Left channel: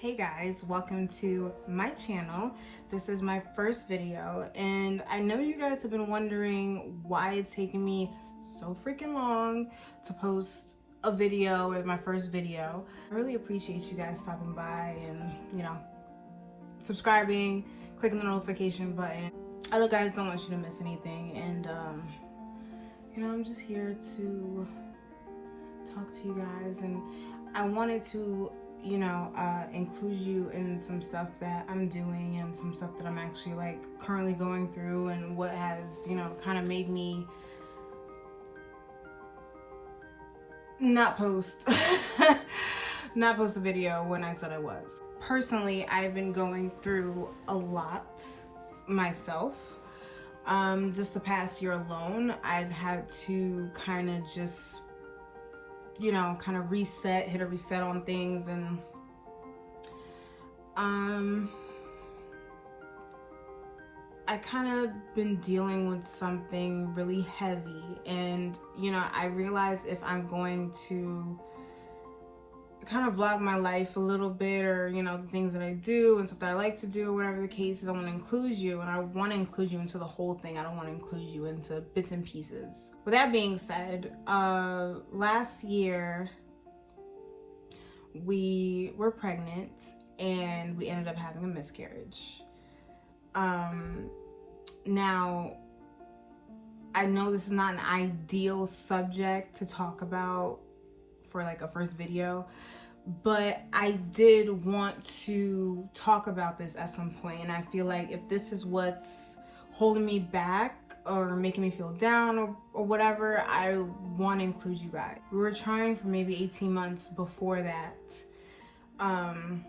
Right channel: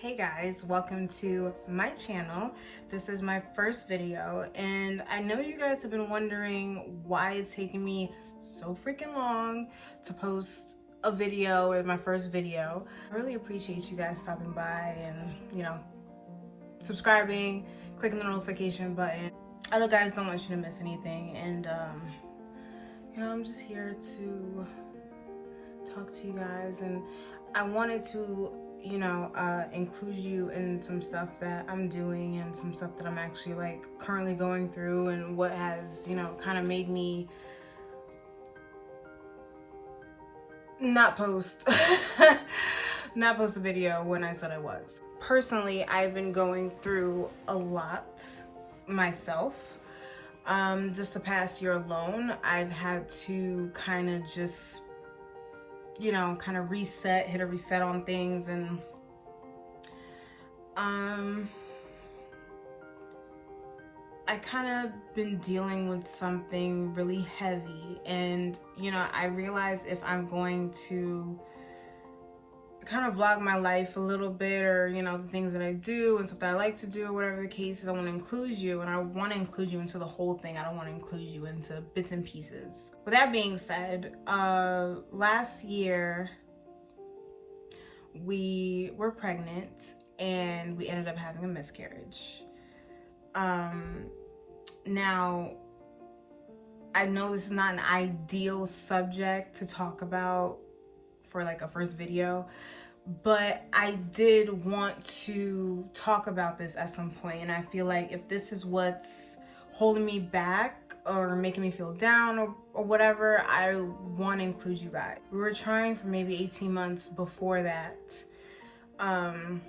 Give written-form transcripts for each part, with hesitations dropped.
Hey guys, welcome to my channel. This is my first video and I know you guys have been wondering why it's taking me so freaking long to post a video with my first video. I really appreciate you guys stopping by and, subscribing, clicking the notification button. I know guys don't want you to miss anything and, I'm just here to talk to you guys, and I wanted to include you in some stuff that I'm doing and some stuff that I'm actually currently going through, and what has kind of made me not post not post a video when I said I was. Personally, I've been going through a lot myself. Just the past year alone, I've had to kind of just kind of hit a reset on things, and I kind of been dealing with something really heavy, and I realized if I'm going to kind of vlog my life a little bit, or the things that I do and stuff that I like to do, or whatever the case is, I want to include you, and I want to include you into the whole thing. I don't want to include you into bits and pieces. With that being said, last year we were pregnant and we ended up having a miscarriage. Now I know this is not an ideal subject to talk about for a first video, but I did want to talk about this at some point, and I feel like if this is what's holding me back or making me feel down or whatever, I want to include you guys. We were trying for maybe 18 months before that, and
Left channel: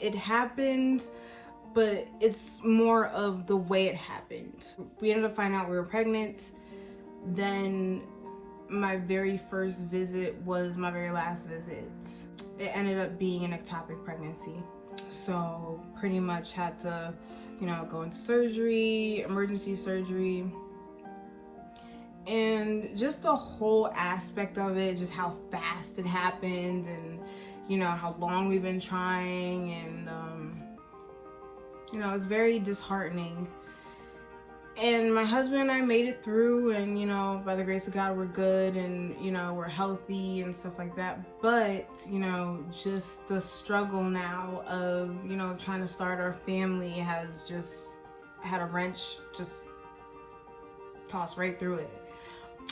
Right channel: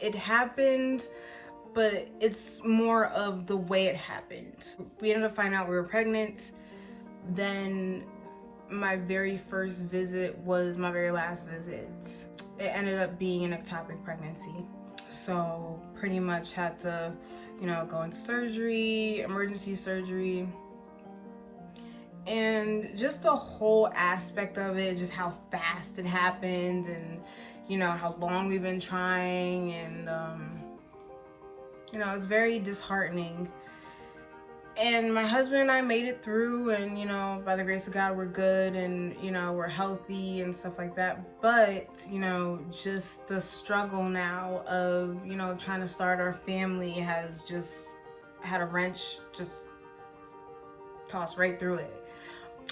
it happened, but it's more of the way it happened. We ended up finding out we were pregnant. Then my very first visit was my very last visit. It ended up being an ectopic pregnancy. So pretty much had to, go into surgery, emergency surgery. And just the whole aspect of it, just how fast it happened, and how long we've been trying, and it's very disheartening. And my husband and I made it through, and by the grace of God, we're good, and we're healthy and stuff like that. But just the struggle now of trying to start our family has just had a wrench just tossed right through it.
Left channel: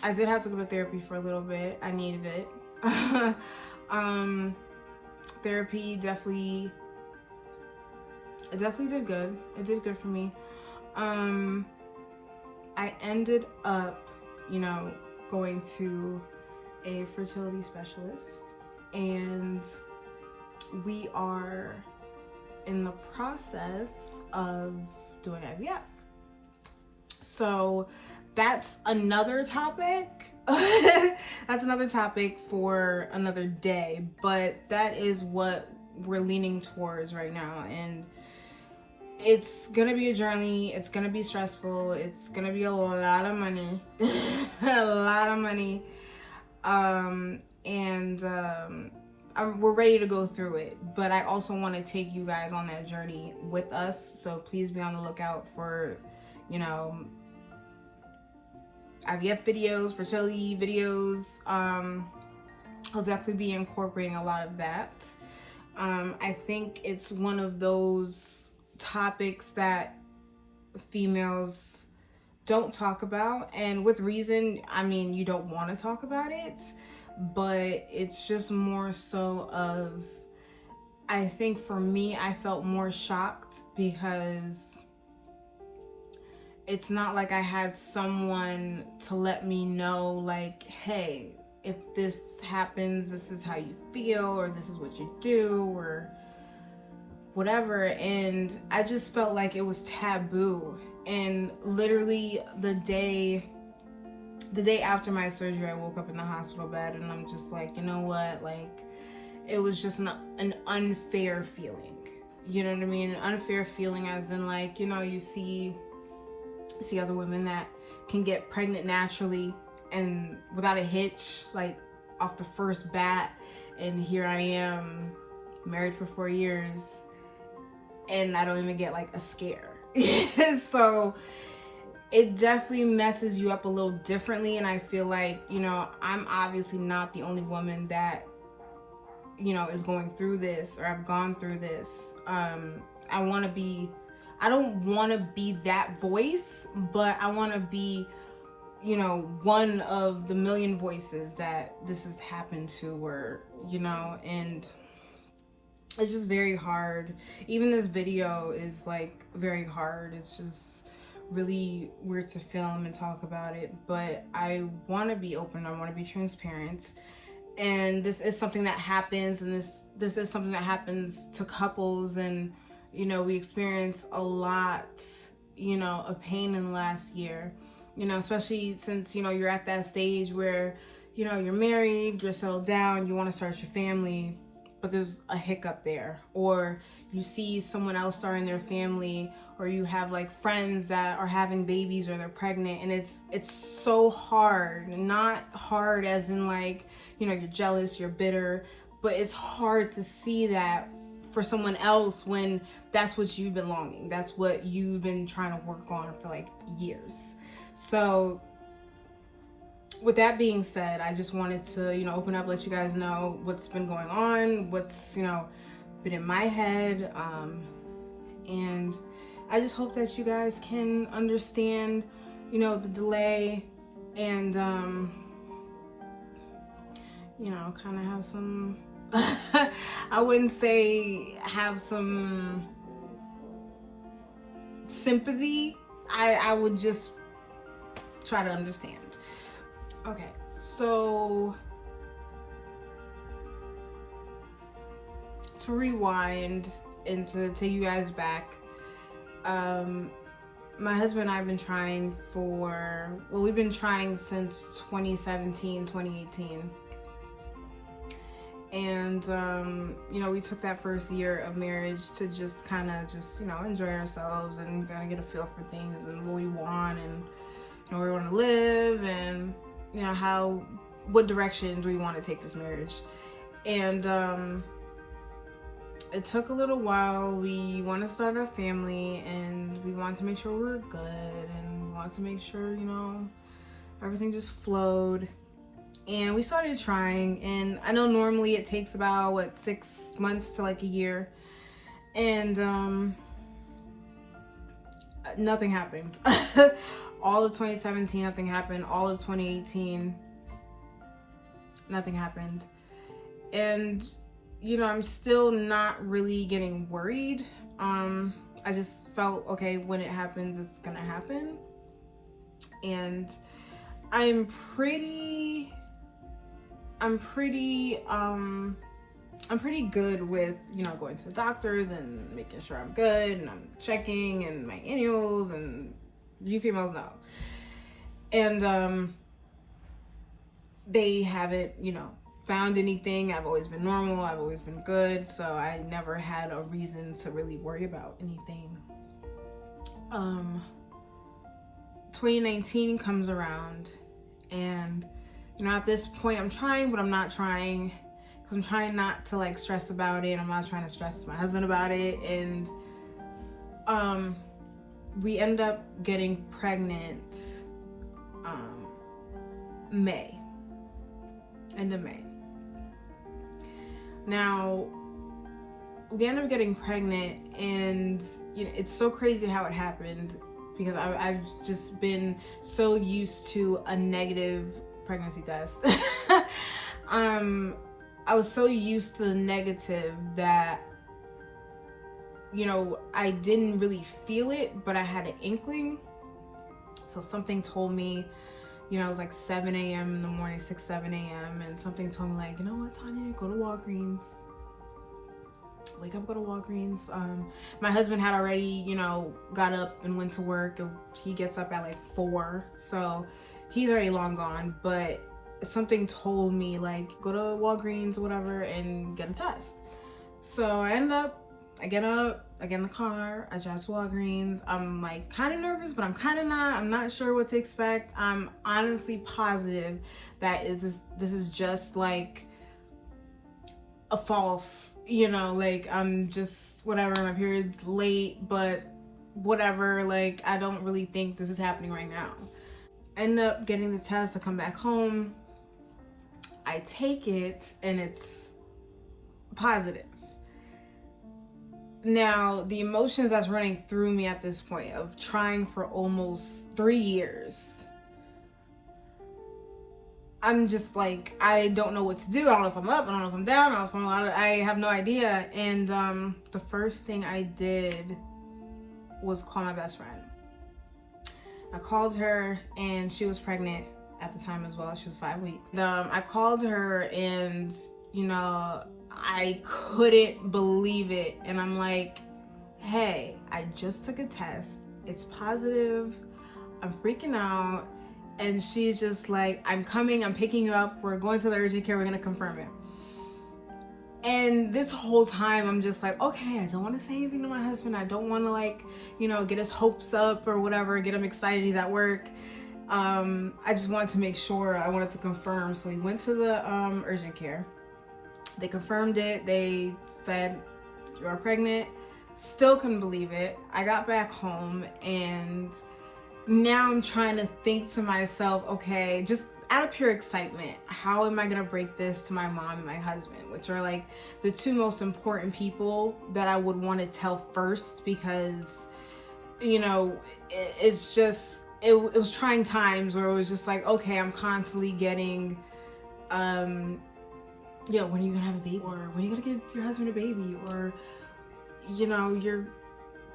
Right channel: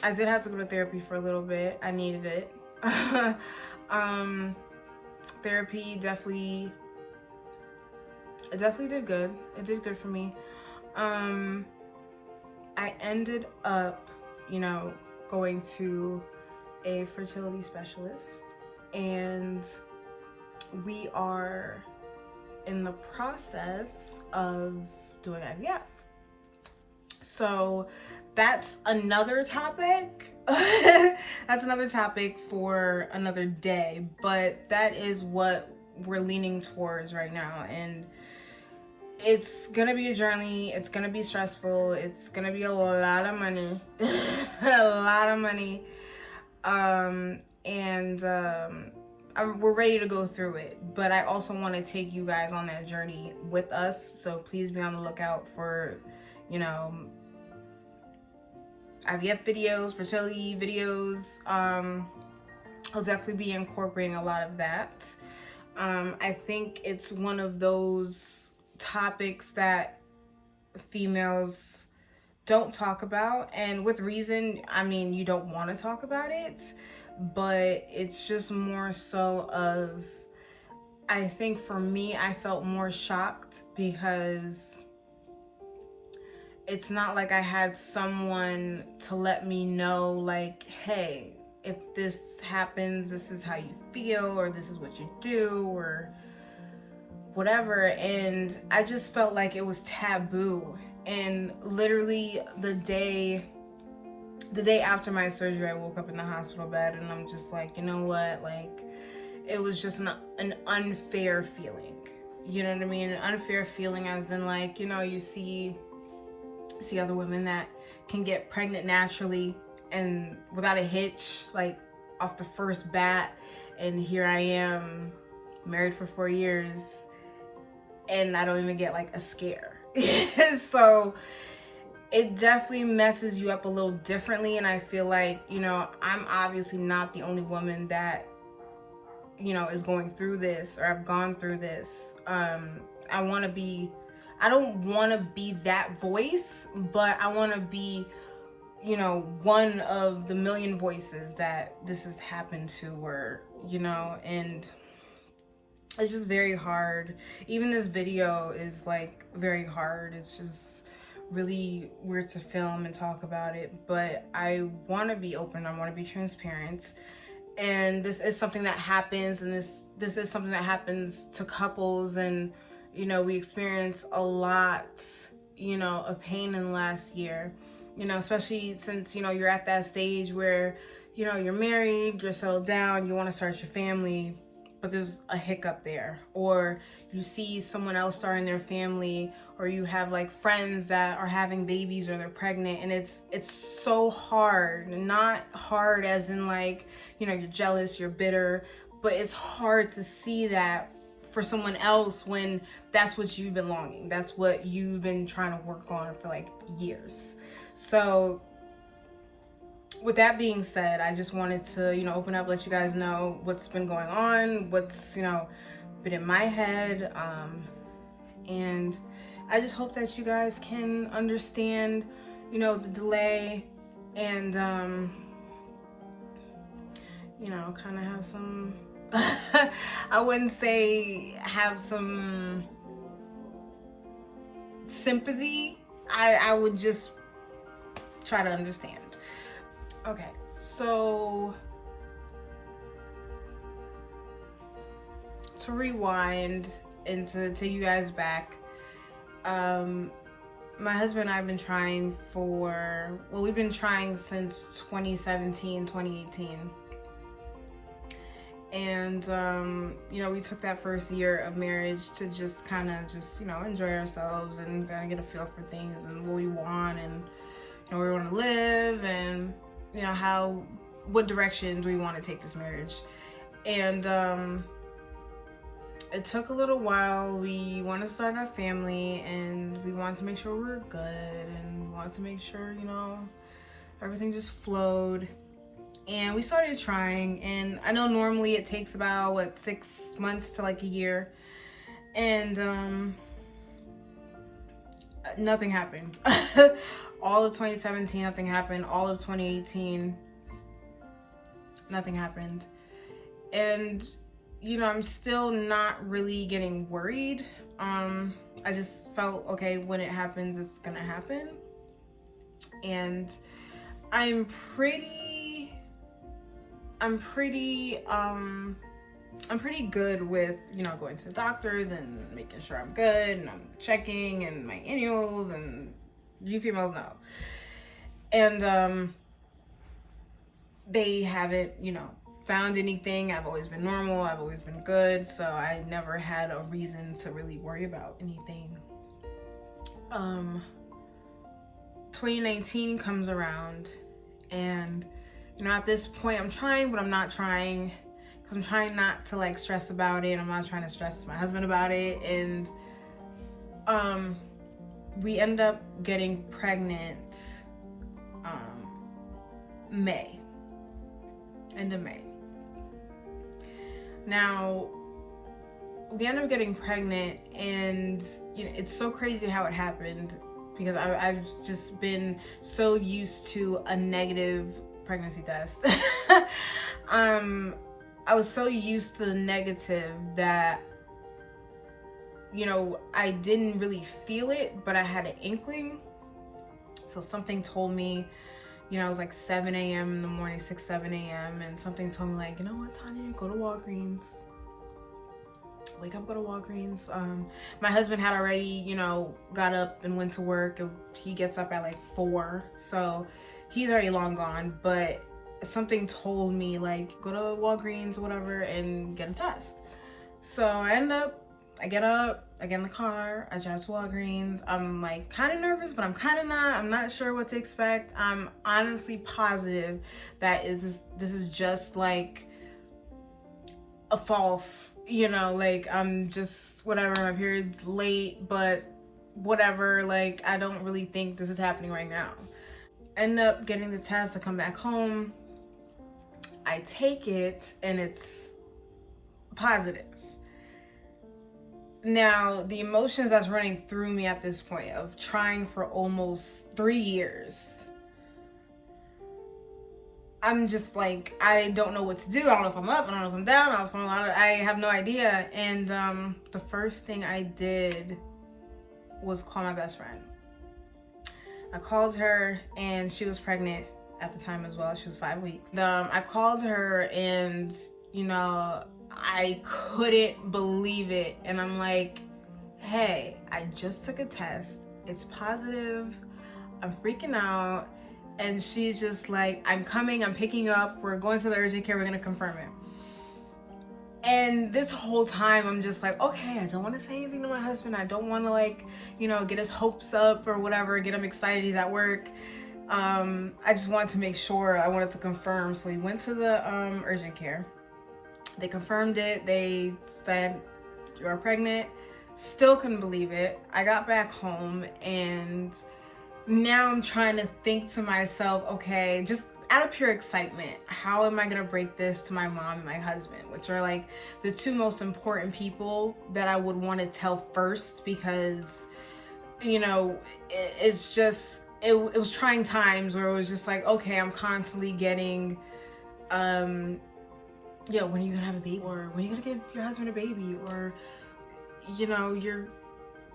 I did have to go to therapy for a little bit. I needed it. Therapy definitely did good. It did good for me. I ended up, going to a fertility specialist, and we are in the process of doing IVF. So that's another topic. That's another topic for another day, but that is what we're leaning towards right now. And it's gonna be a journey. It's gonna be stressful. It's gonna be a lot of money. A lot of money. We're ready to go through it, but I also want to take you guys on that journey with us. So please be on the lookout for, IVF videos, fertility videos. I'll definitely be incorporating a lot of that. I think it's one of those topics that females don't talk about, and with reason. I mean, you don't want to talk about it, but it's just more so of, I think for me, I felt more shocked because it's not like I had someone to let me know, hey, if this happens, this is how you feel, or this is what you do, or whatever. And I just felt like it was taboo. And literally the day after my surgery, I woke up in the hospital bed, and I'm just like, you know what, it was just an unfair feeling. You know what I mean? An unfair feeling as in you see other women that can get pregnant naturally and without a hitch, off the first bat, and here I am married for 4 years and I don't even get like a scare. So it definitely messes you up a little differently. And I feel like, you know, I'm obviously not the only woman that, you know, is going through this, or I've gone through this. I don't want to be that voice, but I want to be, you know, one of the million voices that this has happened to, or, you know, and it's just very hard. Even this video is like very hard. It's just really weird to film and talk about it, but I want to be open. I want to be transparent. And this is something that happens, and this is something that happens to couples, and, you know, we experienced a lot, you know, of pain in the last year, you know, especially since, you know, you're at that stage where, you know, you're married, you're settled down, you want to start your family, but there's a hiccup there, or you see someone else starting their family, or you have like friends that are having babies or they're pregnant, and it's so hard. Not hard as in like, you know, you're jealous, you're bitter, but it's hard to see that for someone else when that's what you've been longing. That's what you've been trying to work on for like years. So with that being said, I just wanted to, you know, open up, let you guys know what's been going on, what's, you know, been in my head. And I just hope that you guys can understand, you know, the delay, and, you know, kind of have some, I wouldn't say have some sympathy. I would just try to understand. Okay, so to rewind and to take you guys back, my husband and I have been trying we've been trying since 2017, 2018. And, you know, we took that first year of marriage to just kind of you know, enjoy ourselves and kind of get a feel for things and what we want, and, you know, where we want to live, and, you know, what direction do we want to take this marriage. And it took a little while. We want to start our family, and we want to make sure we're good, and we want to make sure, you know, everything just flowed. And we started trying, and I know normally it takes about 6 months to like a year, and nothing happened. All of 2017, nothing happened. All of 2018, nothing happened. And, you know, I'm still not really getting worried. I just felt, okay, when it happens, it's gonna happen. And I'm pretty good with, you know, going to the doctors and making sure I'm good, and I'm checking, and my annuals, and you females know. And they haven't, you know, found anything. I've always been normal. I've always been good. So I never had a reason to really worry about anything. 2019 comes around, and, you know, at this point I'm trying, but I'm not trying, because I'm trying not to like stress about it. I'm not trying to stress my husband about it. And we end up getting pregnant end of May. Now, we end up getting pregnant, and, you know, it's so crazy how it happened, because I've just been so used to a negative pregnancy test. I was so used to the negative that, you know, I didn't really feel it, but I had an inkling. So something told me, you know, it was like 7 a.m. in the morning, 6, 7 a.m. And something told me like, you know what, Tanya, go to Walgreens. Wake up, go to Walgreens. My husband had already, you know, got up and went to work. He gets up at like 4. So he's already long gone. But something told me like, go to Walgreens or whatever and get a test. So I ended up I get up, I get in the car, I drive to Walgreens. I'm like kind of nervous, but I'm kind of not. I'm not sure what to expect. I'm honestly positive that this is just like a false, you know, like I'm just whatever, my period's late, but whatever, like I don't really think this is happening right now. End up getting the test, I come back home, I take it, and it's positive. Now, the emotions that's running through me at this point of trying for almost 3 years, I'm just like, I don't know what to do. I don't know if I'm up, I don't know if I'm down, I have no idea. And the first thing I did was call my best friend. I called her, and she was pregnant at the time as well. She was 5 weeks. I called her, and you know, I couldn't believe it. And I'm like, hey, I just took a test. It's positive. I'm freaking out. And she's just like, I'm coming, I'm picking you up. We're going to the urgent care. We're going to confirm it. And this whole time, I'm just like, okay, I don't want to say anything to my husband. I don't want to, like, you know, get his hopes up or whatever, get him excited. He's at work. I just wanted to make sure. I wanted to confirm. So we went to the urgent care. They confirmed it. They said, you are pregnant. Still couldn't believe it. I got back home, and now I'm trying to think to myself, okay, just out of pure excitement, how am I gonna break this to my mom and my husband, which are like the two most important people that I would want to tell first, because, you know, it's just, it was trying times where it was just like, okay, I'm constantly getting, yeah, when are you gonna have a baby? Or when are you gonna give your husband a baby? Or, you know, your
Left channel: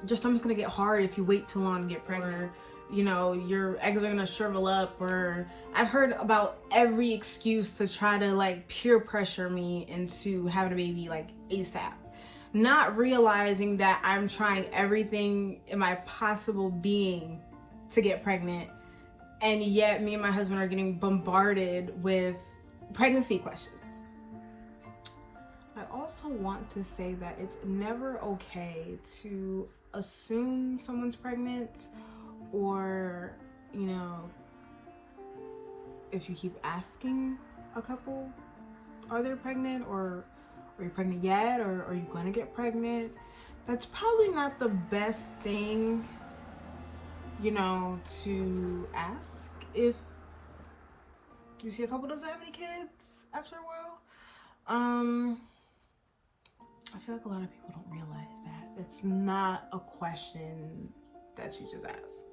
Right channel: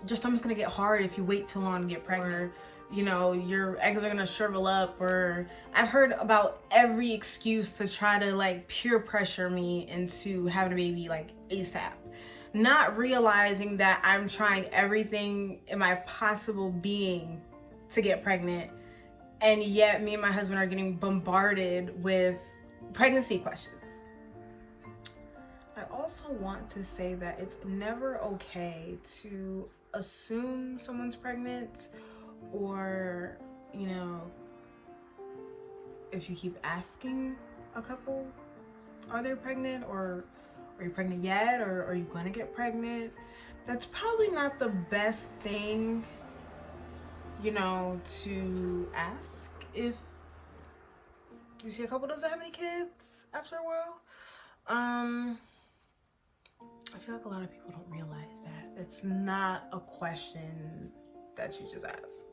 stomach's gonna get hard if you wait too long to get pregnant. Or, you know, your eggs are gonna shrivel up. Or I've heard about every excuse to try to like peer pressure me into having a baby like ASAP, not realizing that I'm trying everything in my possible being to get pregnant, and yet me and my husband are getting bombarded with pregnancy questions. I also want to say that it's never okay to assume someone's pregnant, or, you know, if you keep asking a couple, are they pregnant, or are you pregnant yet, or are you gonna get pregnant? That's probably not the best thing, you know, to ask if you see a couple doesn't have any kids after a while. I feel like a lot of people don't realize that it's not a question that you just ask.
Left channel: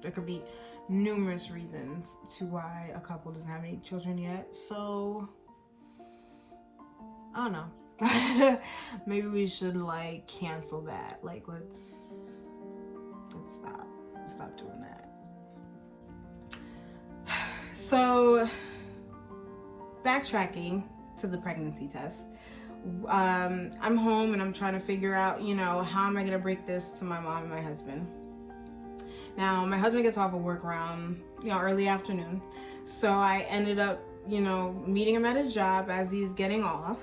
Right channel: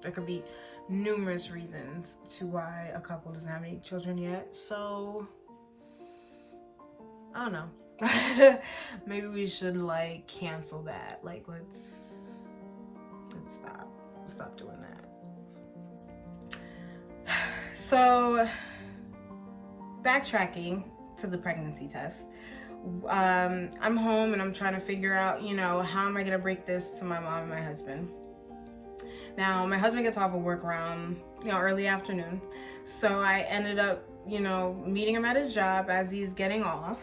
There could be numerous reasons to why a couple doesn't have any children yet. So I don't know. Maybe we should like cancel that. Like let's stop doing that. So backtracking to the pregnancy test. I'm home, and I'm trying to figure out, you know, how am I gonna break this to my mom and my husband. Now, my husband gets off of work around, you know, early afternoon. So I ended up, you know, meeting him at his job as he's getting off.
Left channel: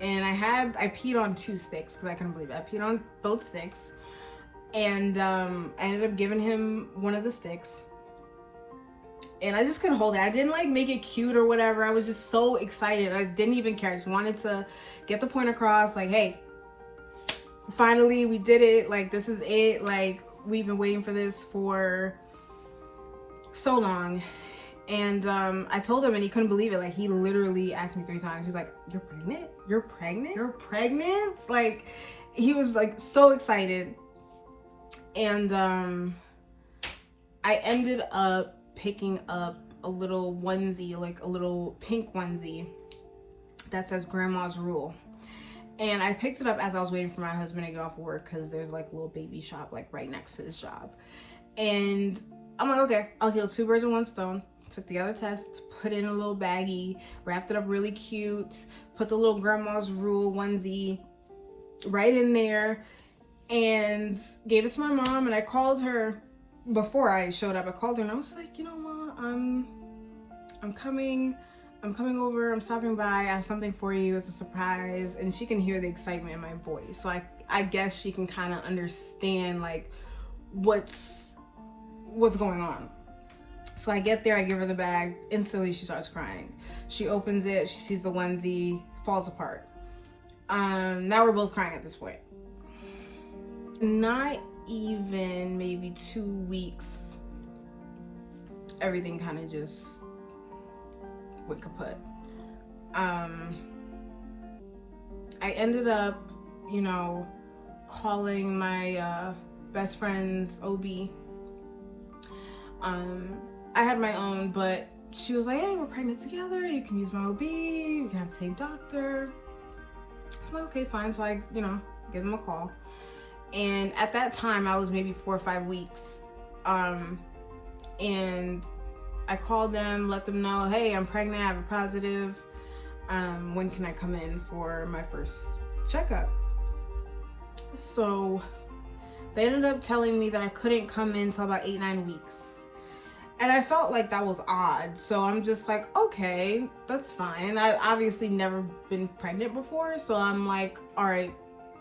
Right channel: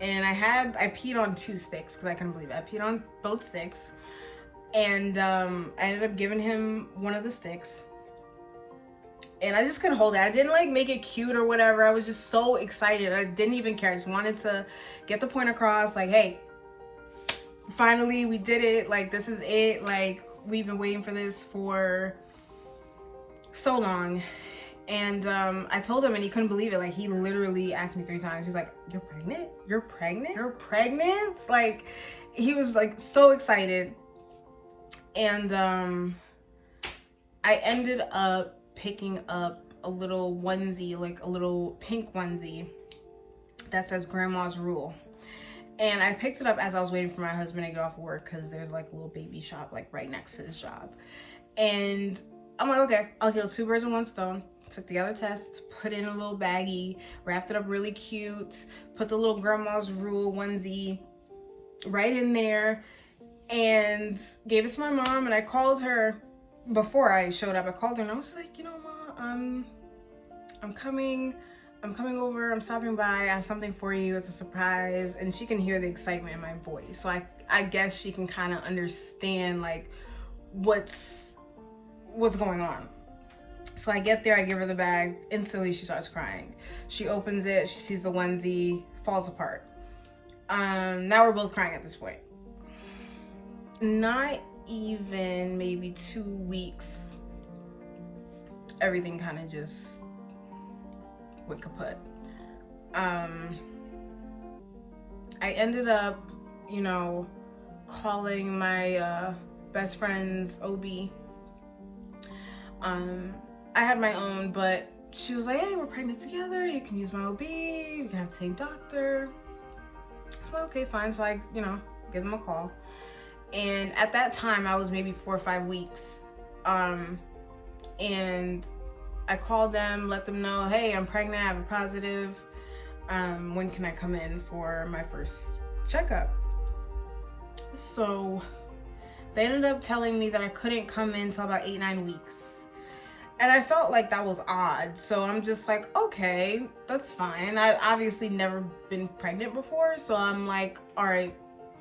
And I peed on 2 sticks because I couldn't believe it. I peed on both sticks. And I ended up giving him one of the sticks. And I just couldn't hold it. I didn't like make it cute or whatever. I was just so excited. I didn't even care. I just wanted to get the point across. Like, hey, finally we did it. Like, this is it. Like, we've been waiting for this for so long. And I told him, and he couldn't believe it. Like, he literally asked me 3 times. He's like, you're pregnant? You're pregnant? You're pregnant? Like, he was like so excited. And I ended up picking up a little onesie, like a little pink onesie that says Grandma's Rule. And I picked it up as I was waiting for my husband to get off work, because there's like a little baby shop like right next to his job. And I'm like, okay, I'll kill 2 birds with 1 stone. Took the other test, put it in a little baggie, wrapped it up really cute, put the little Grandma's Rule onesie right in there, and gave it to my mom. And I called her before I showed up. I called her, and I was like, you know, Mom, I'm coming. I'm coming over, I'm stopping by, I have something for you, it's a surprise. And she can hear the excitement in my voice. So I guess she can kind of understand like what's going on. So I get there, I give her the bag, instantly she starts crying. She opens it, she sees the onesie, falls apart. Now we're both crying at this point. Not even maybe 2 weeks, everything kind of just went kaput. I ended up, you know, calling my best friend's OB. I had my own, but she was like, hey, we're pregnant together, you can use my OB, you can have the same doctor. So okay, fine. So I, you know, give them a call. And at that time I was maybe 4 or 5 weeks. And I called them, let them know, hey, I'm pregnant, I have a positive. When can I come in for my first checkup? So they ended up telling me that I couldn't come in until about 8-9 weeks. And I felt like that was odd. So I'm just like, okay, that's fine. I've obviously never been pregnant before. So I'm like, all right,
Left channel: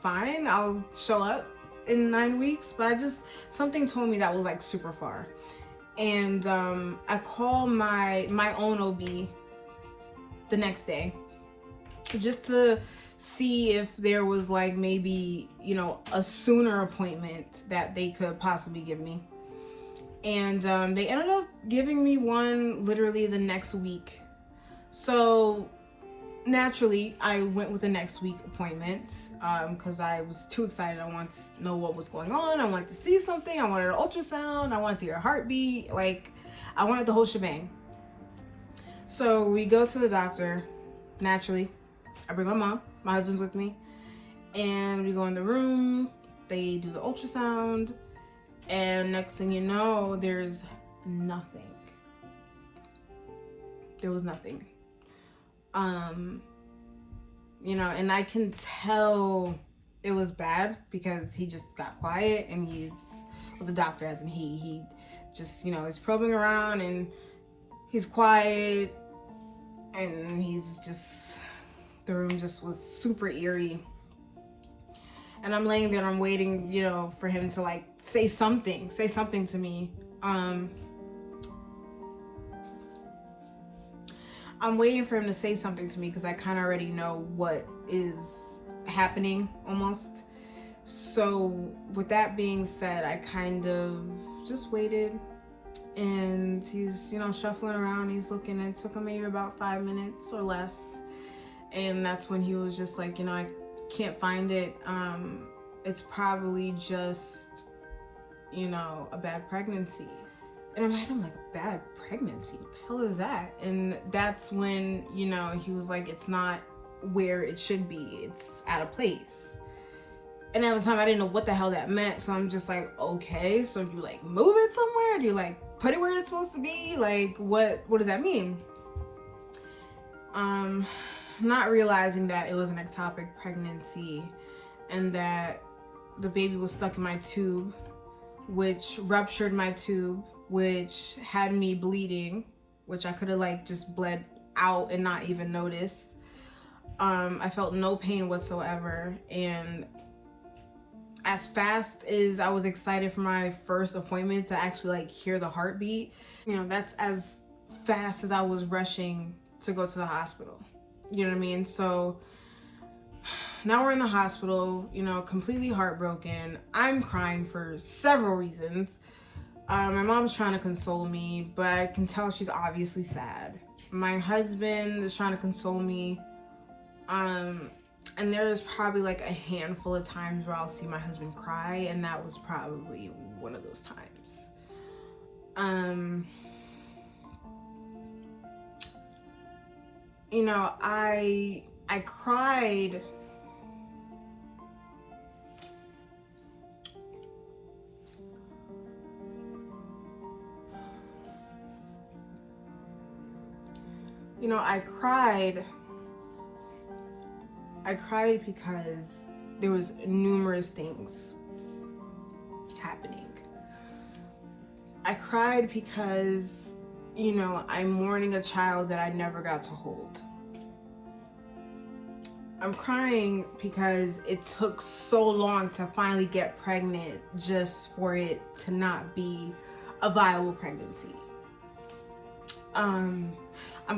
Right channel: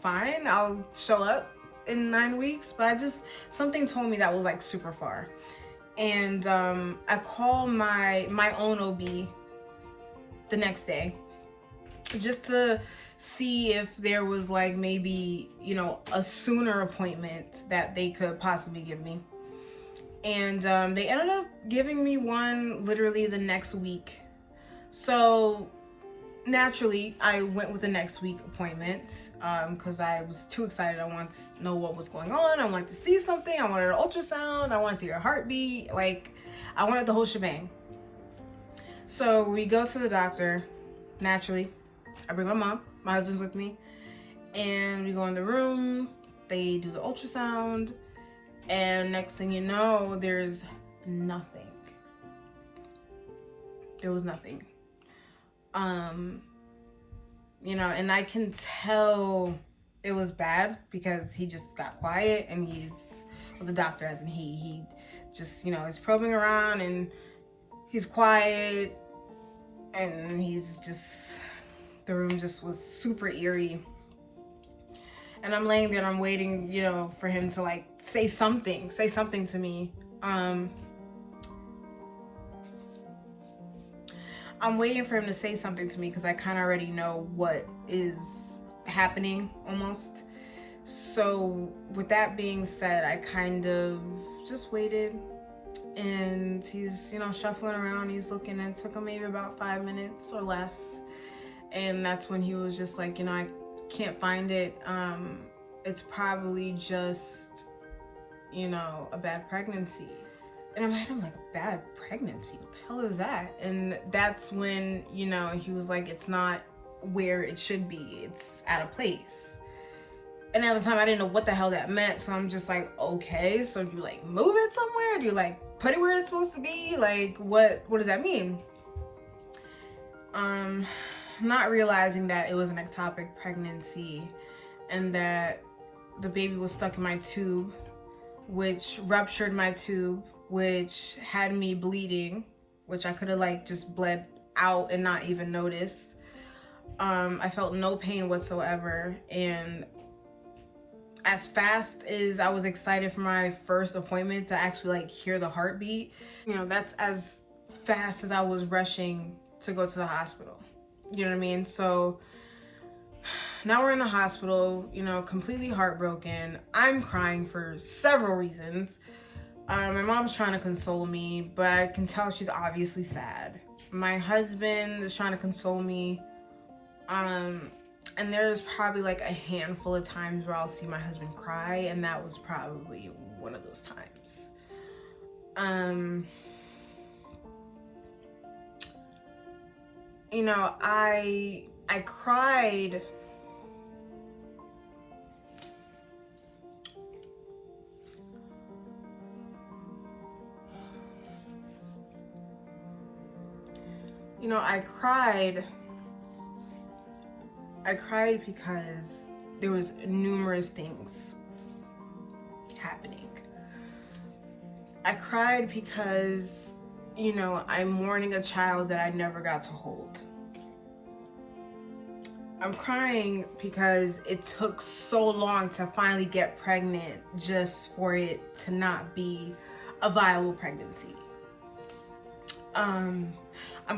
fine. I'll show up in 9 weeks. But something told me that was like super far. And I called my own OB the next day just to see if there was like maybe, you know, a sooner appointment that they could possibly give me. And they ended up giving me one literally the next week. So naturally I went with the next week appointment because I was too excited. I wanted to know what was going on. I wanted to see something. I wanted an ultrasound. I wanted to hear a heartbeat. Like, I wanted the whole shebang. So we go to the doctor. Naturally, I bring my mom. My husband's with me. And we go in the room. They do the ultrasound. And next thing you know, there's nothing. There was nothing. You know, and I can tell it was bad because he just got quiet, and the doctor, as in he just, you know, is probing around and he's quiet, and the room just was super eerie. And I'm laying there and I'm waiting, you know, for him to like say something to me. I'm waiting for him to say something to me because I kind of already know what is happening almost. So with that being said, I kind of just waited, and he's, you know, shuffling around, he's looking, and it took him maybe about 5 minutes or less. And that's when he was just like, you know, I can't find it. It's probably just, you know, a bad pregnancy. And I'm like, bad pregnancy? What the hell is that? And that's when, you know, he was like, it's not where it should be. It's out of place. And at the time I didn't know what the hell that meant. So I'm just like, okay, so do you like move it somewhere? Do you like put it where it's supposed to be? Like, what does that mean? Not realizing that it was an ectopic pregnancy and that the baby was stuck in my tube, which ruptured my tube, which had me bleeding, which I could have like just bled out and not even notice. I felt no pain whatsoever. And as fast as I was excited for my first appointment to actually like hear the heartbeat, you know, that's as fast as I was rushing to go to the hospital. You know what I mean? So now we're in the hospital, you know, completely heartbroken. I'm crying for several reasons. My mom's trying to console me, but I can tell she's obviously sad. My husband is trying to console me. And there's probably like a handful of times where I'll see my husband cry, and that was probably one of those times. You know, I cried I cried because there was numerous things happening. I cried because you know, I'm mourning a child that I never got to hold. I'm crying because it took so long to finally get pregnant just for it to not be a viable pregnancy. I'm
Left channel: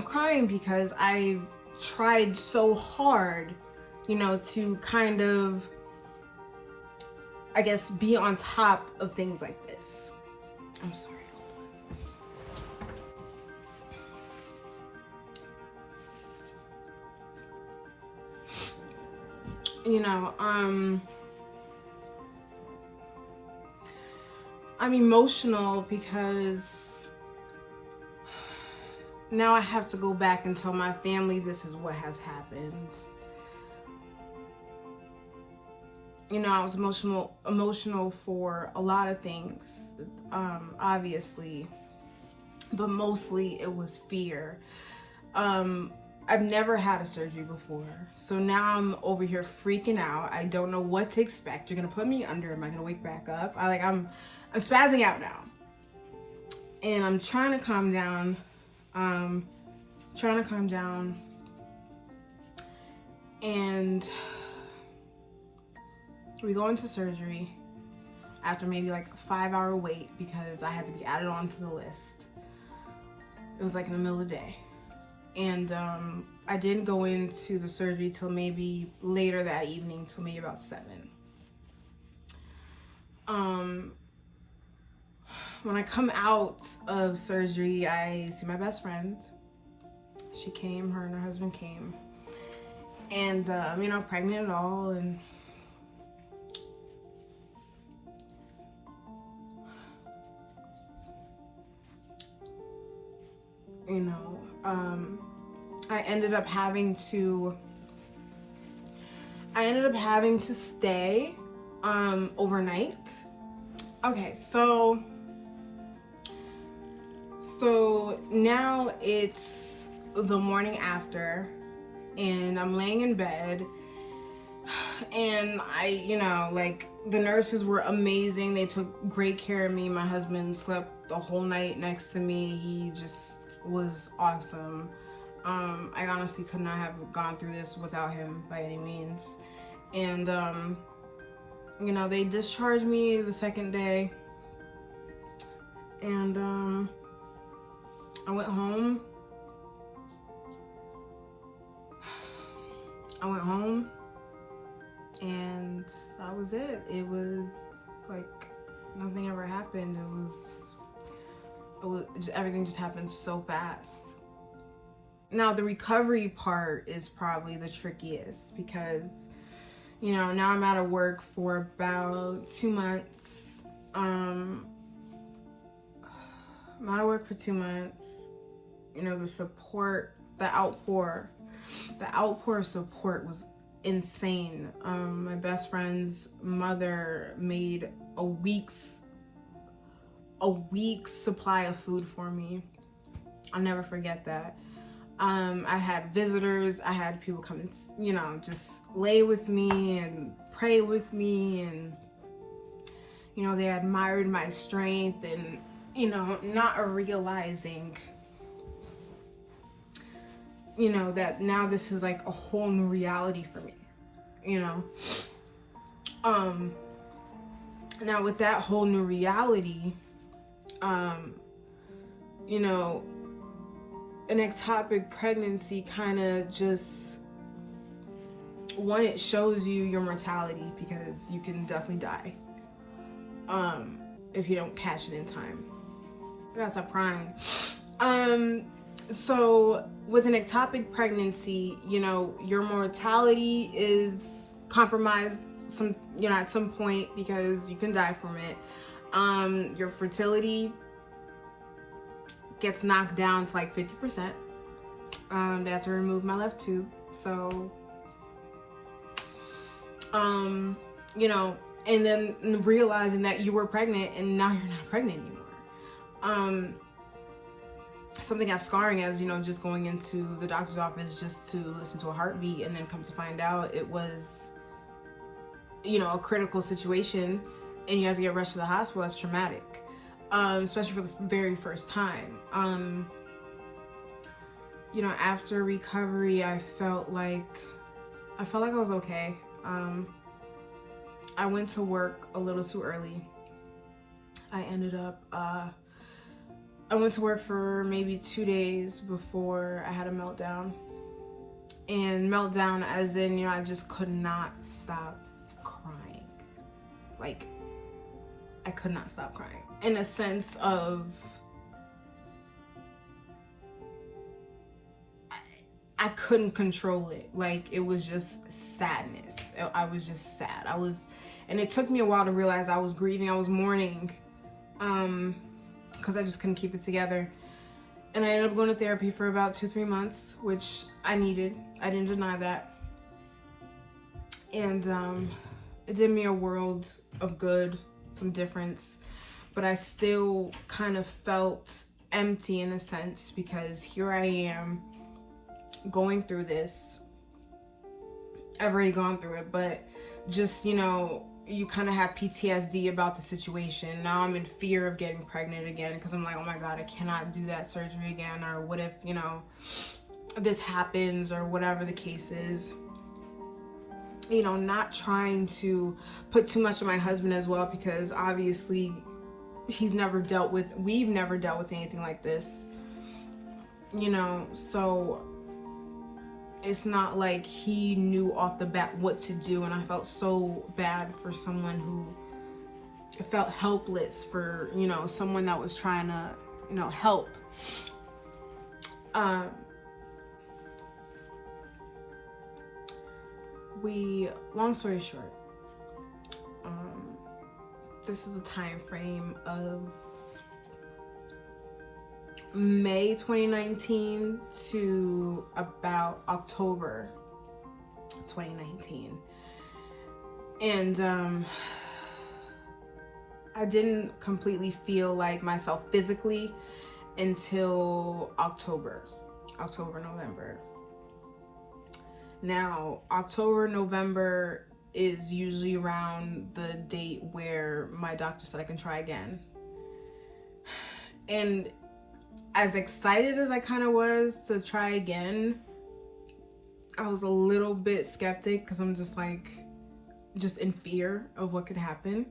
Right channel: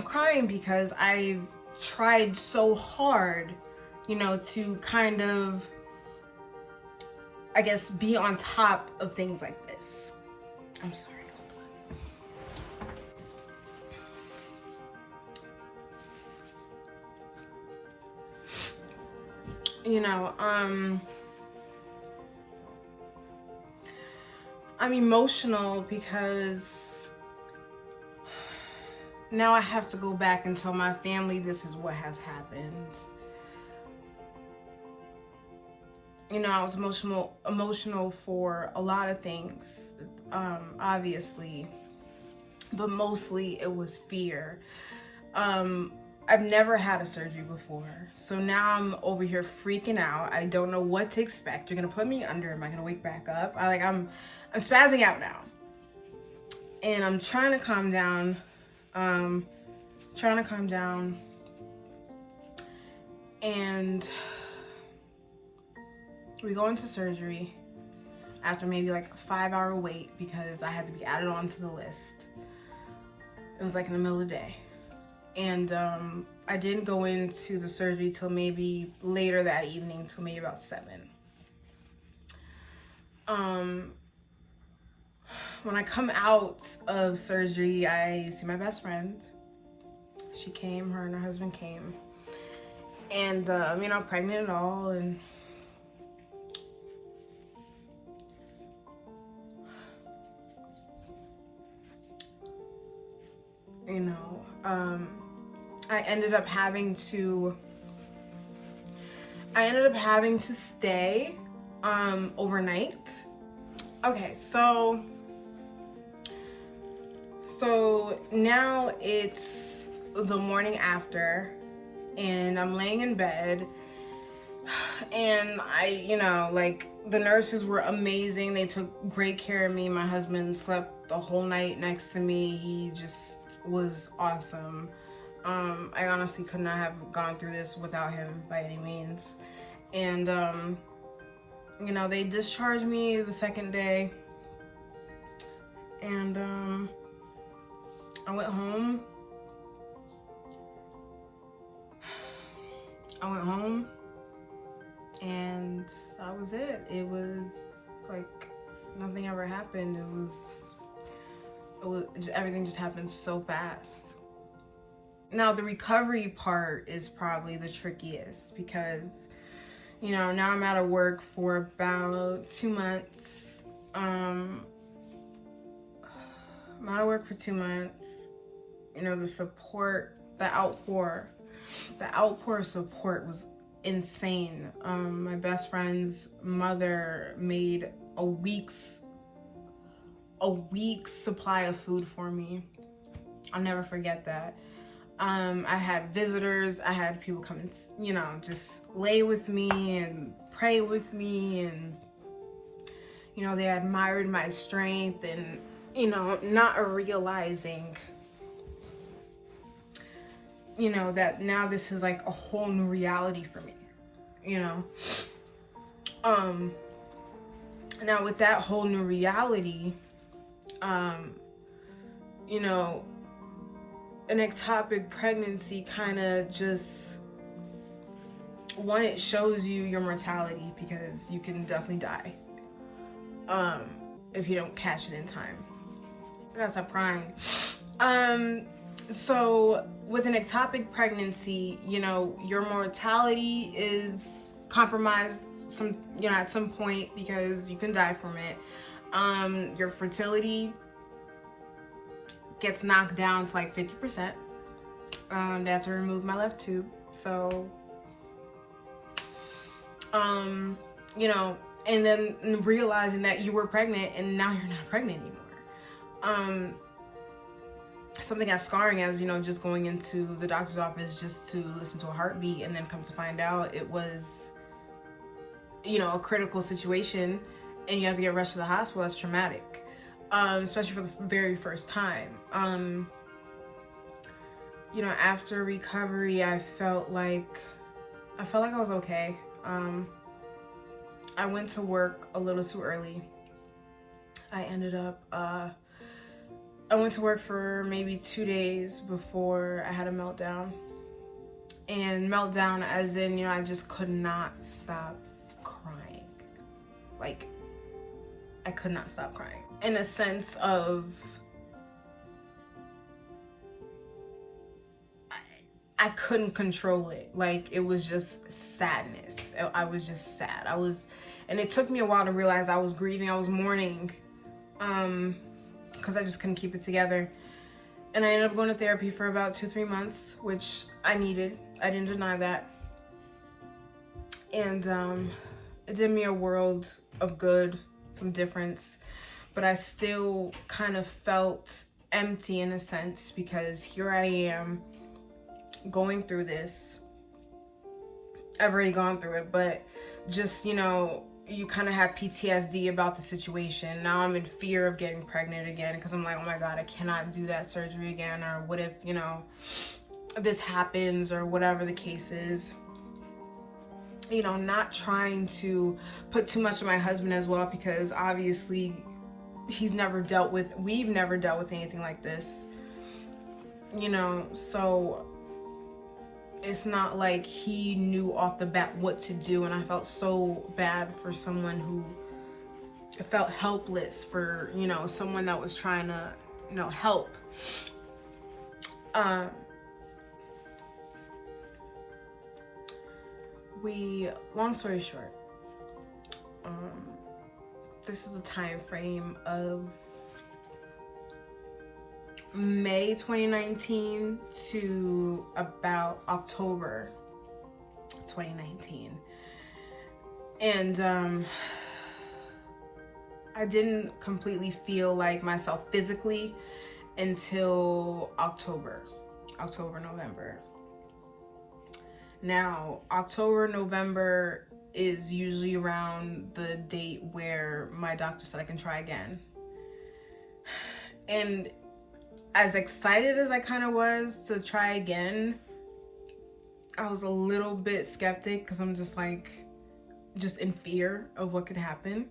crying because I tried so hard, you know, to kind of, I guess, be on top of things like this. I'm sorry. You know, I'm emotional because now I have to go back and tell my family this is what has happened. You know, I was emotional for a lot of things, obviously, but mostly it was fear. I've never had a surgery before, so now I'm over here freaking out. I don't know what to expect. You're gonna put me under. Am I gonna wake back up? I'm spazzing out now, and I'm trying to calm down. And we go into surgery after maybe like a 5-hour wait because I had to be added onto the list. It was like in the middle of the day. And I didn't go into the surgery till maybe later that evening, till maybe about 7. When I come out of surgery, I see my best friend. She came, her and her husband came. And, you know, pregnant and all, and you know, I ended up having to stay overnight. Okay, so now it's the morning after, and I'm laying in bed, and you know, like, the nurses were amazing. They took great care of me. My husband slept the whole night next to me. He just was awesome. I honestly could not have gone through this without him by any means. And you know, they discharged me the second day, and I went home. And that was it. It was like nothing ever happened. It was just, everything just happened so fast. Now the recovery part is probably the trickiest because, you know, now I'm out of work for about 2 months. I'm out of work for 2 months. You know, the support, the outpour of support was insane. My best friend's mother made a week's supply of food for me. I'll never forget that. I had visitors. I had people come and, you know, just lay with me and pray with me, and, you know, they admired my strength, and, you know, not realizing, you know, that now this is like a whole new reality for me, you know. Now with that whole new reality, you know, an ectopic pregnancy kind of just, one, it shows you your mortality, because you can definitely die if you don't catch it in time. I gotta stop crying. So with an ectopic pregnancy, you know, your mortality is compromised at some point, because you can die from it. Your fertility gets knocked down to like 50%. They had to remove my left tube. So, you know, and then realizing that you were pregnant and now you're not pregnant anymore. Something as scarring as, you know, just going into the doctor's office just to listen to a heartbeat, and then come to find out it was, you know, a critical situation and you have to get rushed to the hospital. That's traumatic. especially for the very first time. You know, after recovery, I felt like I was okay. I went to work a little too early. I ended up, I went to work for maybe 2 days before I had a meltdown. And meltdown as in, you know, I just could not stop crying. Like, I could not stop crying. In a sense of, I couldn't control it. Like, it was just sadness. I was just sad. And it took me a while to realize I was grieving. I was mourning, because I just couldn't keep it together. And I ended up going to therapy for about 2-3 months, which I needed. I didn't deny that. And it did me a world of good, some difference. But I still kind of felt empty in a sense, because here I am going through this. I've already gone through it, but just, you know, you kind of have PTSD about the situation. Now I'm in fear of getting pregnant again, because I'm like, oh my God, I cannot do that surgery again. Or what if, you know, this happens, or whatever the case is. You know, not trying to put too much on my husband as well, because obviously we've never dealt with anything like this, you know, so it's not like he knew off the bat what to do. And I felt so bad for someone who felt helpless, for, you know, someone that was trying to, you know, help. Long story short, this is a time frame of May 2019 to about October 2019. And I didn't completely feel like myself physically until October, November. Now, October, November is usually around the date where my doctor said I can try again. And as excited as I kind of was to try again, I was a little bit skeptic, because I'm just like, just in fear of what could happen.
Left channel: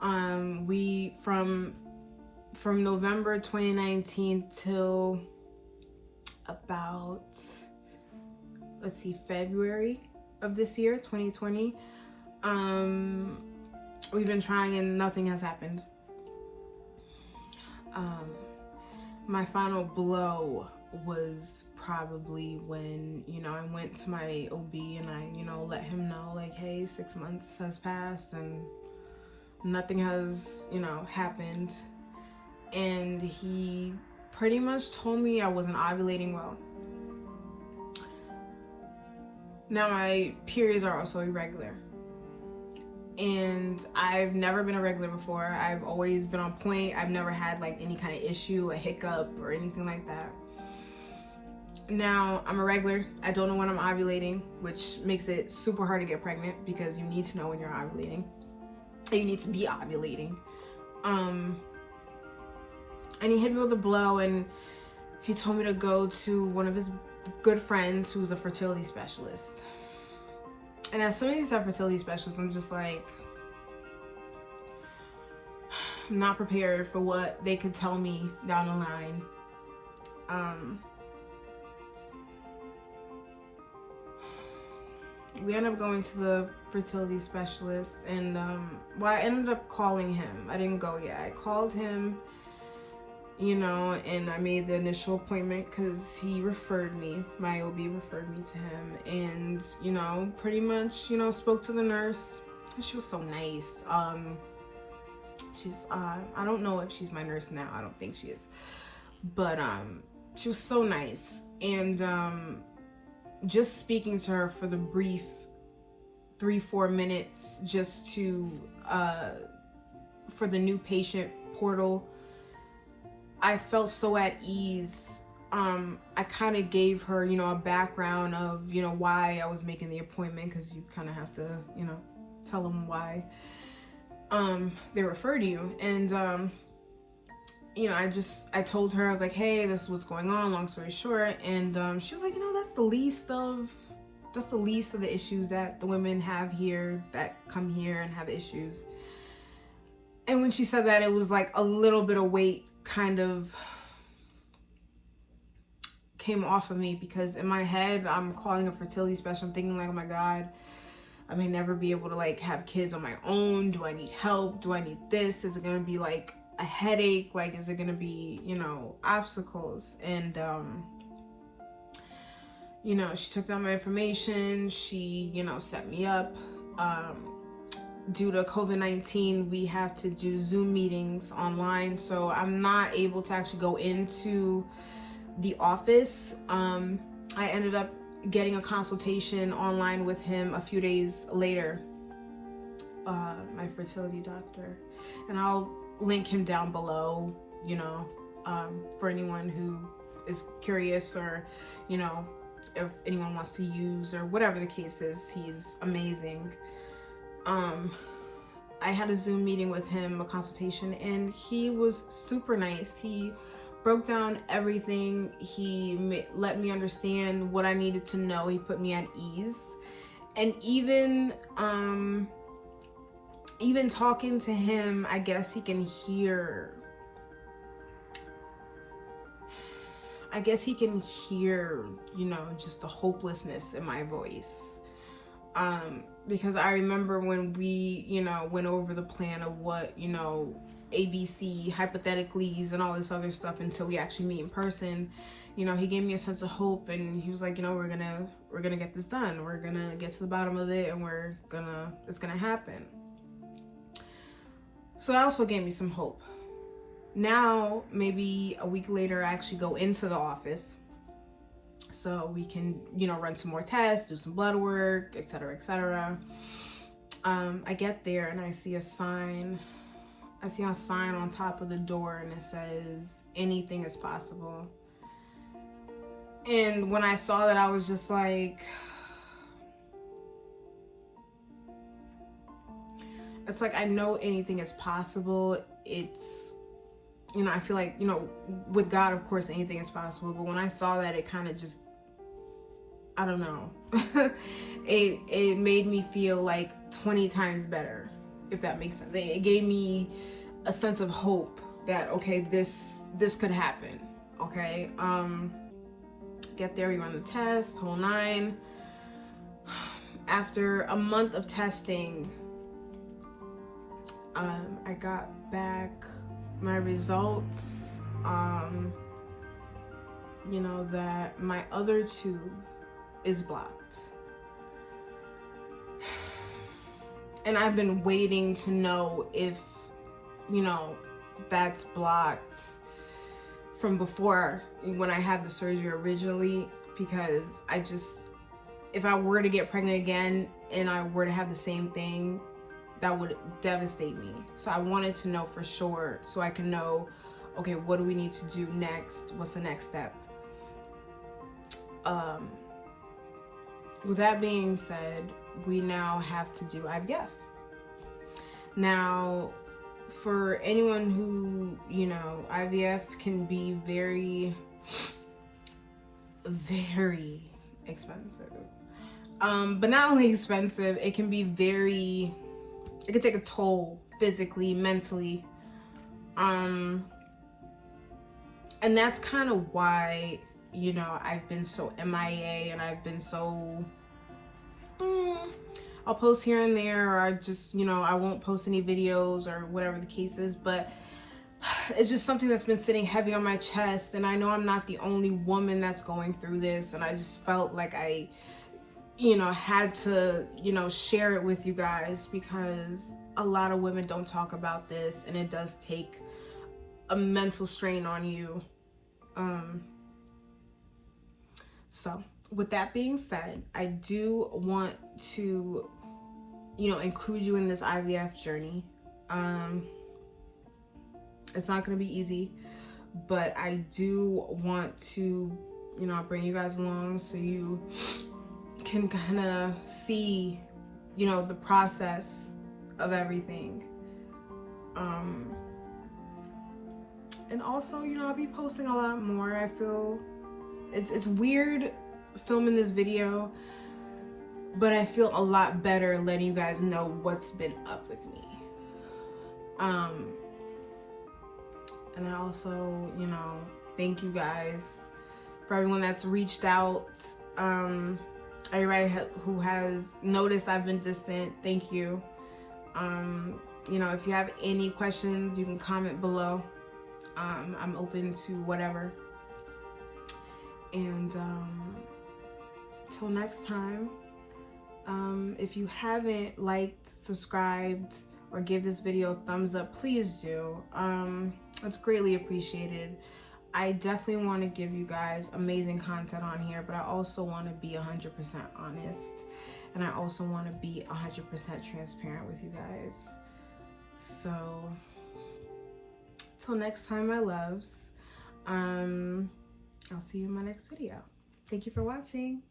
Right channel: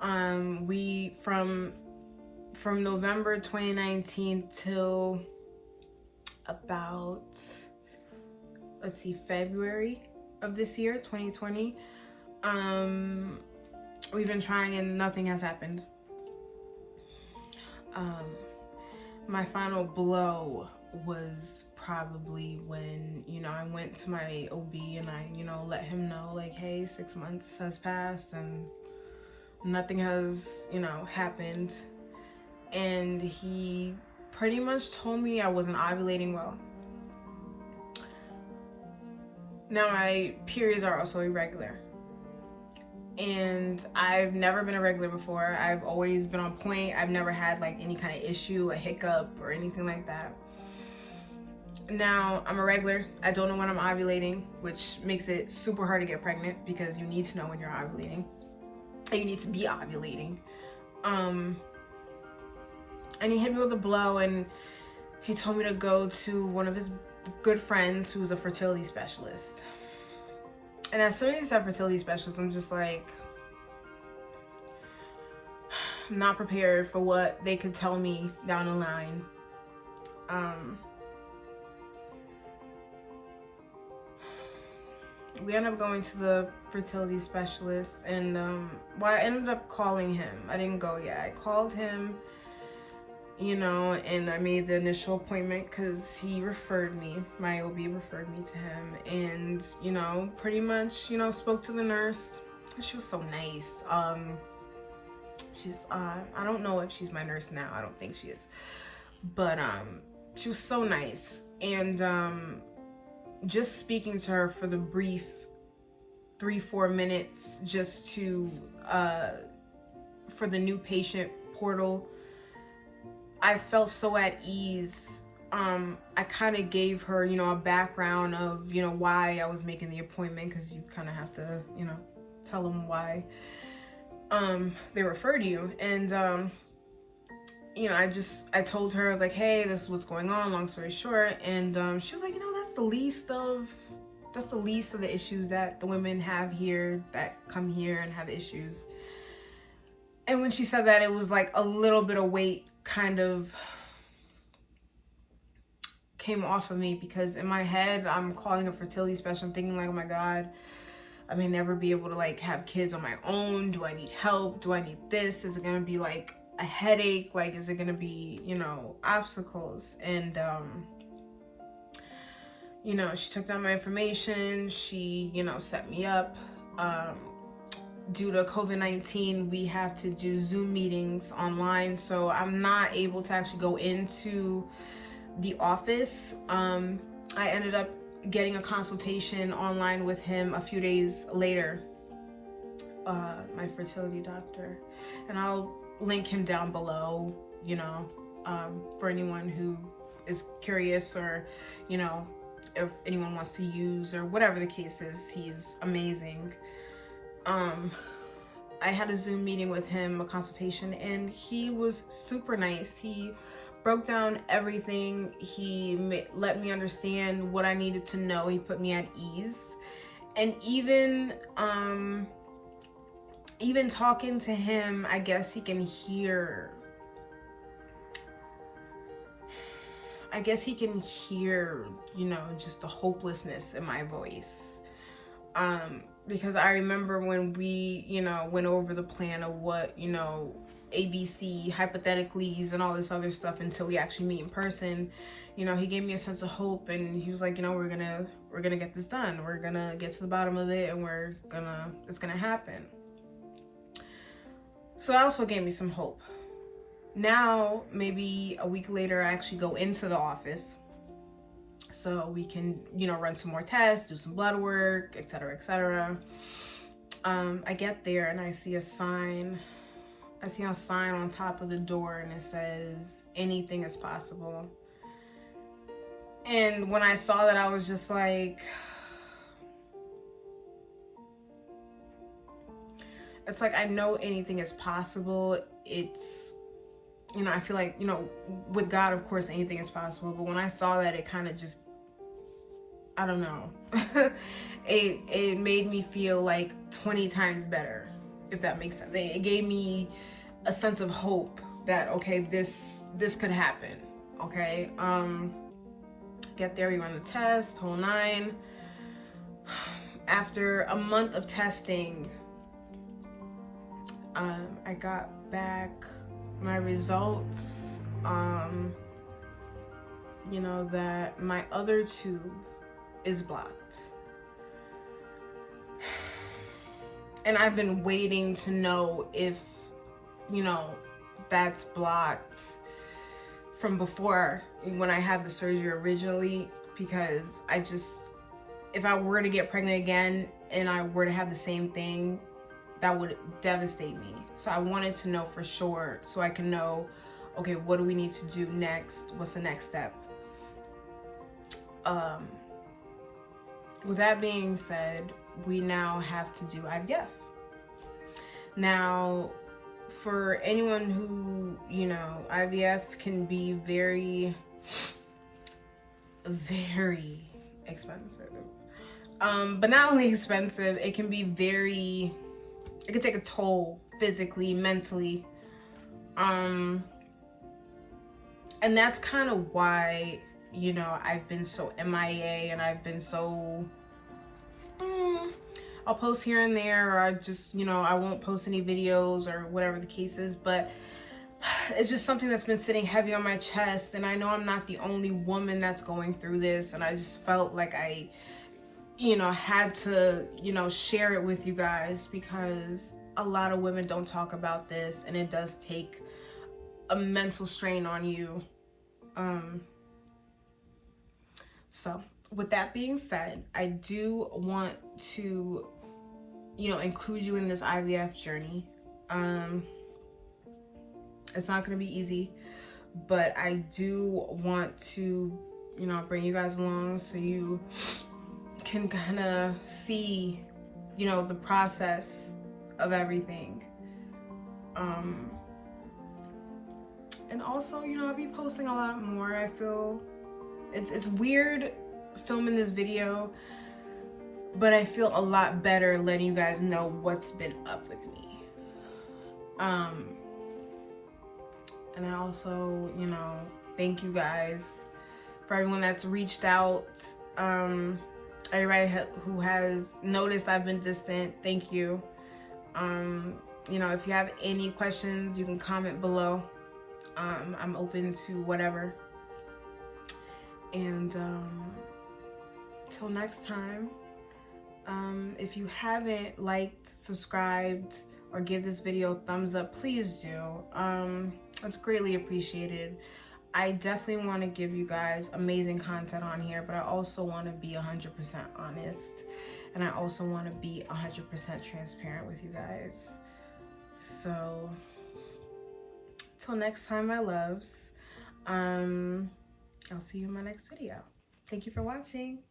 From November 2019 till about, let's see, February of this year, 2020, we've been trying and nothing has happened. My final blow was probably when, you know, I went to my OB and I, you know, let him know, like, hey, 6 months has passed and nothing has, you know, happened. And he pretty much told me I wasn't ovulating well. Now, my periods are also irregular. And I've never been irregular before. I've always been on point. I've never had like any kind of issue, a hiccup, or anything like that. Now, I'm irregular. I don't know when I'm ovulating, which makes it super hard to get pregnant, because you need to know when you're ovulating. And you need to be ovulating. And he hit me with a blow, and he told me to go to one of his good friends who's a fertility specialist. And as soon as he said fertility specialist, I'm just like, I'm not prepared for what they could tell me down the line. We ended up going to the fertility specialist, and well, I ended up calling him. I didn't go yet. I called him, you know, and I made the initial appointment because he referred me. My OB referred me to him, and, you know, pretty much, you know, spoke to the nurse. She was so nice. She's I don't know if she's my nurse now. I don't think she is, but she was so nice. And just speaking to her for the brief 3-4 minutes, just to for the new patient portal, I felt so at ease. I kind of gave her, you know, a background of, you know, why I was making the appointment, because you kind of have to, you know, tell them why. they referred you. And you know, I told her, I was like, hey, this is what's going on, long story short. And she was like, you know, that's the least of the issues that the women have here, that come here and have issues. And when she said that, it was like a little bit of weight kind of came off of me, because in my head, I'm calling a fertility specialist. I'm thinking like, oh my God, I may never be able to like have kids on my own. Do I need help? Do I need this? Is it going to be like a headache? Like, is it going to be, you know, obstacles? And, you know, she took down my information. She, you know, set me up. Due to COVID-19, we have to do Zoom meetings online. So I'm not able to actually go into the office. I ended up getting a consultation online with him a few days later, my fertility doctor. And I'll link him down below, you know, for anyone who is curious, or, you know, if anyone wants to use, or whatever the case is. He's amazing. I had a Zoom meeting with him, a consultation, and he was super nice. He broke down everything. He let me understand what I needed to know. He put me at ease. And even talking to him, I guess he can hear, you know, just the hopelessness in my voice. Because I remember when we, you know, went over the plan of what, you know, ABC, hypotheticallys, and all this other stuff until we actually meet in person. You know, he gave me a sense of hope, and he was like, you know, we're gonna get this done. We're gonna get to the bottom of it, and it's gonna happen. So that also gave me some hope. Now, maybe a week later, I actually go into the office so we can, you know, run some more tests, do some blood work, etc., etc. I get there and I see a sign on top of the door, and it says, anything is possible. And when I saw that, I was just like, it's like, I know anything is possible. It's, you know, I feel like, you know, with God, of course, anything is possible. But when I saw that, it kind of just, I don't know, it made me feel like 20 times better, if that makes sense. It gave me a sense of hope that, okay, this could happen. Okay. Get there, we run the test, whole nine. After a month of testing, I got back my results, you know, that my other tube is blocked. And I've been waiting to know if, you know, that's blocked from before, when I had the surgery originally, because if I were to get pregnant again and I were to have the same thing, that would devastate me. So I wanted to know for sure, so I can know, okay, what do we need to do next? What's the next step? With that being said, we now have to do IVF. Now, for anyone who, you know, IVF can be very, very expensive. But not only expensive, it can be it can take a toll physically, mentally. And that's kind of why, you know, I've been so MIA, and I've been so, I'll post here and there, or I just, you know, I won't post any videos or whatever the case is, but it's just something that's been sitting heavy on my chest. And I know I'm not the only woman that's going through this, and I just felt like I, you know, had to, you know, share it with you guys, because a lot of women don't talk about this, and it does take a mental strain on you. So with that being said, I do want to, you know, include you in this IVF journey. It's not going to be easy, but I do want to, you know, bring you guys along so you can kind of see, you know, the process of everything. And also, you know, I'll be posting a lot more. I feel it's weird filming this video, but I feel a lot better letting you guys know what's been up with me. And I also, you know, thank you guys for everyone that's reached out. Everybody who has noticed I've been distant, thank you. You know, if you have any questions, you can comment below. I'm open to whatever. And till next time, if you haven't liked, subscribed, or give this video a thumbs up, please do. It's greatly appreciated. I definitely want to give you guys amazing content on here, but I also want to be 100% honest, and I also want to be 100% transparent with you guys. So till next time, my loves, I'll see you in my next video. Thank you for watching.